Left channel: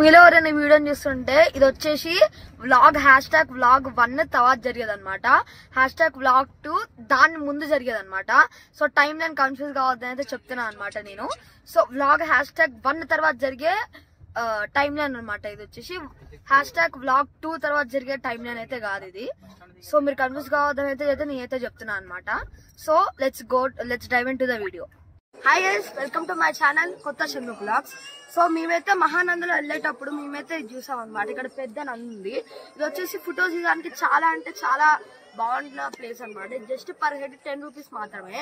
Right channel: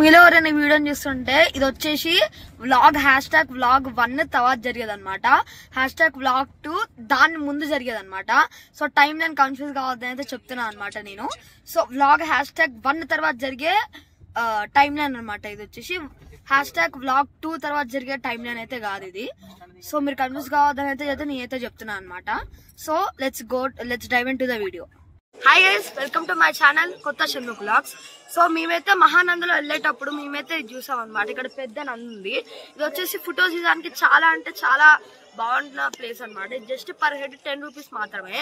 మీలో ఎవరైనా వీడియోని చూస్తుంటే ఇది వచ్చేసి వ్లాగ్ #vlog1 తర్వాత జరిగేది అనమాట. #vlog2 దాని ముందు జరిగేది అనమాట. సో టైం లైన్ కన్ఫ్యూజ్ కావద్దని అయితే చెప్తున్నాను అనమాట నేను. సో వ్లాగ్ #1 తర్వాత జరిగే టైం లైన్ అనమాట. ఇది వచ్చేసి #vlog2 తర్వాత జరిగే టైం లైన్ అయితే కాదు ఇది. సో మీరు కన్ఫ్యూజ్ కావద్దని అయితే నేనైతే చెప్తున్నాను అనమాట. So let's dive into the video. Hi guys, welcome to my channel కొత్త షణ్ముఖ్ వ్లాగ్స్. సో మేమైతే మహానందలో వెళ్ళేటప్పుడు మేమైతే చూసాం అనమాట. ఇక్కడ పెద్ద నంది ఉంది. ఇది వచ్చేసి ఫొటోస్ తీయడానికి చాలా అంటే చాలా బాగుంటున్న ప్లేస్ అనమాట. జస్ట్ పర్ హెడ్ 10 రూపీస్ మాత్రమే.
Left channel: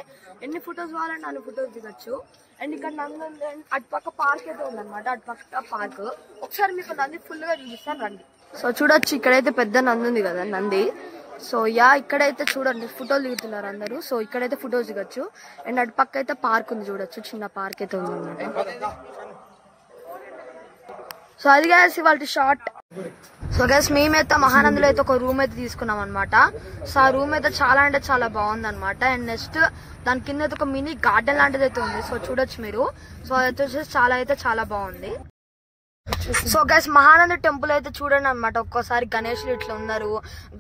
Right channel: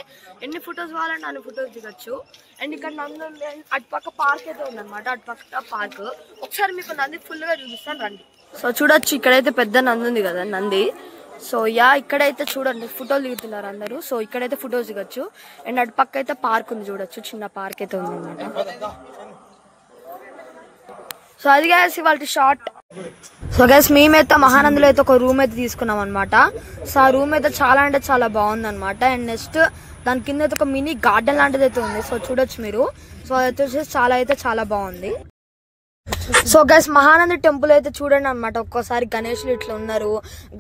ఎన్ని ఫొటోస్ కావాలంటే అన్ని ఫొటోస్ దిగచ్చు. అండ్ ఇక్కడ నంది ఉంది, అటుపక్క పార్క్ అయితే ఉందన్నమాట. అటుపక్క పార్క్ ఒకసారి మీకు నంది ఫుల్ గా చూపిస్తాను రండి. సో చూడొచ్చు, ఇక్కడైతే పెద్ద నంది ఉంది కదా నంది. సో ఇక్కడైతే చూడండి ఫోటోలు దిగుతున్నారు అందరూ. సో ఇక్కడైతే ఫొటోస్ దిగచ్చు. అండ్ అటు పక్క అయితే పార్క్ ఉంది, చూడొచ్చు చిన్న పార్క్ అయితే ఉంది అనమాట. సో అది గైస్ ఇవాళ షార్ట్. సో గైస్ మేమైతే మహానందిలో అయితే ఒక రూమ్ అయితే తీసుకున్నాం అనమాట. సో ఆ రూమ్ అయితే చాలా అంటే చాలా బాగుంది అనమాట. అండ్ నెక్స్ట్ దాని కింద అయితే ఒక మినీ గార్డెన్ లాంటిది అయితే ఉంది. సో చూడొచ్చు మీరు. సో అదైతే వచ్చేసి చాలా బాగుంది. సో గైస్ మహానంది టెంపుల్ అయితే చూడండి అనమాట. ఒక్కోసారి గణేష్లు ఇట్లా ఉన్నారు,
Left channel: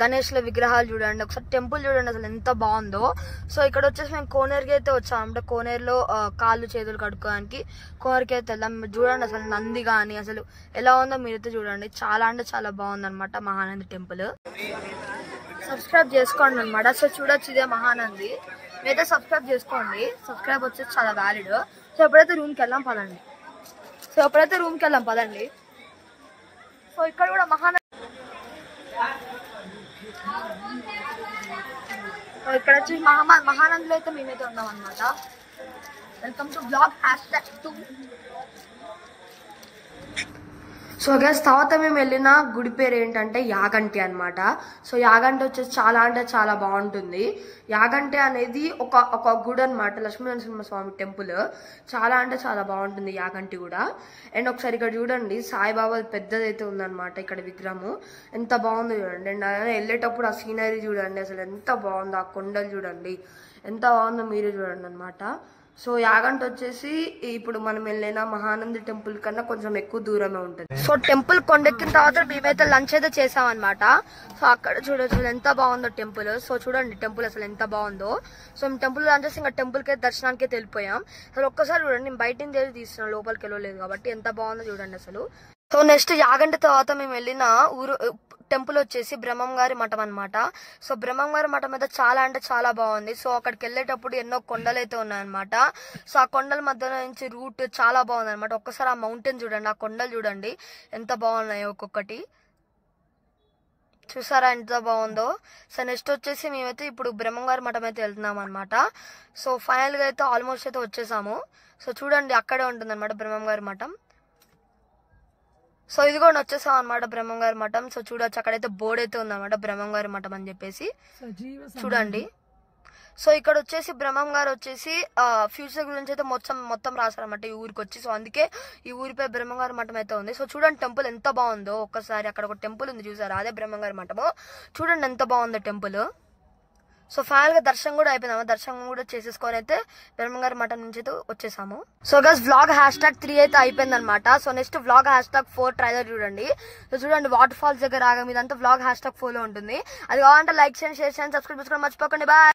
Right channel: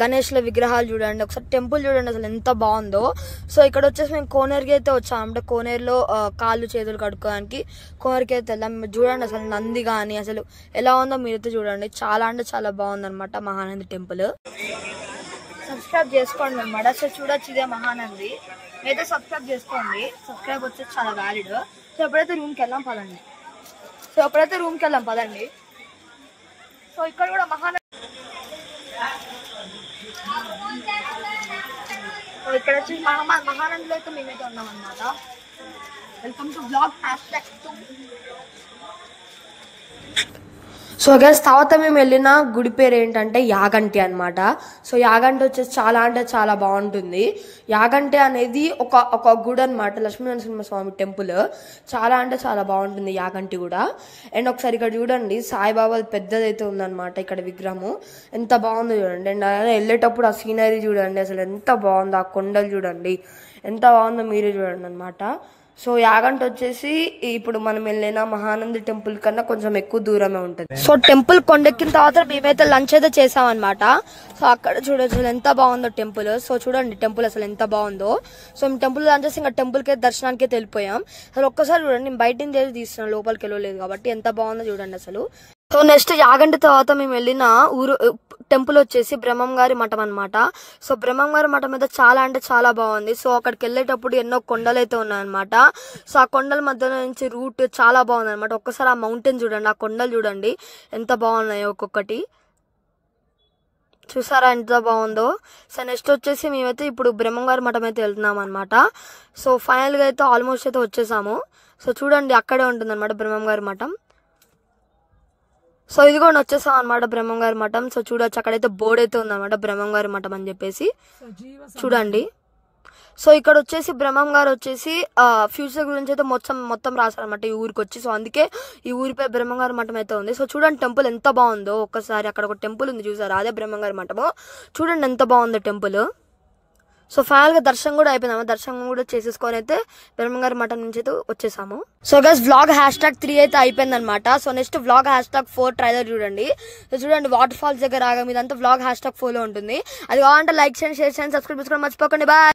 గణేష్ల విగ్రహాలు చూడండి. ఒకసారి టెంపుల్ చూడండి అసలు ఎంత బాగుందో. సో ఇక్కడ వచ్చేసి మేము కోనేరుకి అయితే వచ్చాం. అంటే కోనేరులో కాళ్ళు చేతులు కడుక్కోవడానికి కోనేరుకి అయితే వెళ్దాం. చూడండి అసలు నంది కానీ అసలు ఎలా ఉందో మీరైతే చూడండి. చాలా అంటే చాలా బాగుంది అనమాట మహానంది టెంపుల్. సబ్స్క్రైబ్ చేసుకోండి అనమాట. సో చూడొచ్చు ఇదే మహానంది. మీరైతే సబ్స్క్రైబ్ చేసుకోండి. సబ్స్క్రైబ్ వచ్చేసి చాలా వ్యాలిడ్. సో ఎప్పుడైతే రూమ్కి వెళ్దాం పదండి. సో ఇక్కడ కూడా ఇక్కడ వచ్చి మహానందిలో అయితే మేమైతే ఉన్నాం అనమాట. Welcome to vlog #2. So guys తర్వాత మేము వెళ్ళిన గుడి పేరు ఏంటంటే యాగంటి అనమాట. సో యాగంటి వచ్చేసి చాలా అంటే చాలా బాగుంటుంది. యాగంటి అనేది ఒక గుడి అనమాట, లక్ష్మీనరసింహస్వామి టెంపుల్. చాలా అంటే చాలా బాగుంటుంది యాగంటి కూడా. అండ్ ఒకసారి ఇక్కడ చూడండి సాయిబాబా పెద్దదైతే ఉందన్నమాట. ఇక్కడ విగ్రహము ఎంత బాగుందో చూడండి. అండ్ వెళ్ళేటప్పుడు ఆ సీనరీ చూడండి అసలు ఎంత బాగుందో. ఆ కొండలు చూడండి ఎంత బాగుందో మీరే చూడండి అనమాట. సో యాగంటి వచ్చేసి ఇప్పుడు మనం వెళ్ళిన మహానంది టెంపుల్ కన్నా కొంచెం ఎక్కువ దూరమే ఉంటుంది. సో టెంపుల్ కొండెక్కిన తర్వాత మేమైతే లంచ్ అయితే చేసాం అనమాట. సో అక్కడ చూడొచ్చు ఎంత బాగుందో టెంపుల్. సో చూడండి టెంపుల్ అసలు ఎంత బాగుందో. సో మేము టెంపుల్ లంచ్ చేసి ఇంకా టెంపుల్కి దర్శనానికి వెళ్ళిపోయాం. అసలు ఒక్కసారి చూడండి, నేను బయట నుంచి తీస్తున్నాను, లోపలికి వెళ్ళలేదు కాబట్టి ఎంత బాగుందో చూడండి అసలు. సో నెక్స్ట్ యాగంటి తర్వాత మేము వెళ్ళిన టెంపుల్ వచ్చేసి బ్రహ్మంగారి మఠం అనమాట. సో బ్రహ్మంగారి మఠం అయితే చాలా అంటే చాలా బాగుంది. సో అక్కడికి వెళ్ళేటప్పుడు ఎన్నో కొండలు అయితే ఉన్నాయన్నమాట. సో ఆ కొండల మధ్యలో నుంచి రూట్ చాలా బాగుంది అనమాట. ఒక్కసారి ఆ మౌంటైన్ చూడండి, ఆ కొండలు చూడండి ఎంత బాగున్నాయో ఒక్కొక్కటి. చూసారా ఎంత బాగుందో. సో నెక్స్ట్ వచ్చేసి మేమైతే ఇప్పుడు బ్రహ్మంగారి మఠం అయితే వెళ్తున్నాం అనమాట. సో ఫైనల్గా అయితే ఆల్మోస్ట్ అయితే వచ్చేసాము. సో చూడండి అక్కడే ఉంటుంది అనమాట బ్రహ్మంగారి మఠం. సో ఇది కూడా వచ్చేసాం అనమాట బ్రహ్మంగారి మఠం. సో చూడొచ్చు అక్కడైతే బోర్డు అయితే ఉందన్నమాట బ్రహ్మంగారి మఠం అని చెప్పేసి చూడండి. సో ఇక్కడ వచ్చేసి బ్రహ్మంగారు వచ్చేసి ఫ్యూచర్ గురించి అయితే మొత్తం రాశారనమాట ఈ ఊరికి వచ్చి. సో అందుకే ఈ ఊరిపై బ్రహ్మంగారి మఠం అయితే ఉంది. సో చూడండి టెంపుల్ ఎంత బాగుందో. ఒక్కసారి అక్కడ ఒక టెంపుల్ ఉంది చూసారా, అదే బ్రహ్మంగారి మఠము. చూడండి ఎంత బాగుందో టెంపుల్. సో ఫైనల్ గా దర్శనం కూడా అయిపోయిందాము. దర్శనం కూడా చేసేసుకొని అయితే బ్రహ్మంగారి మఠం నుంచి అయితే వచ్చేసాము. సో గైస్ వ్లాగ్ #3 అయితే అయిపోయింది అనమాట. సో నెక్స్ట్ వ్లాగ్ #4 ట్రైలర్ చూడండి. సో చూడండి వాటర్ ఫాల్స్ దగ్గర ఆగా మీదంతా వ్లాగ్ #4 లో ఉంటుంది. అది కావాలంటే లైక్ చేయండి, షేర్ చేయండి, సబ్స్క్రైబ్ చేసుకోండి మర్చిపోకండి. బాయ్.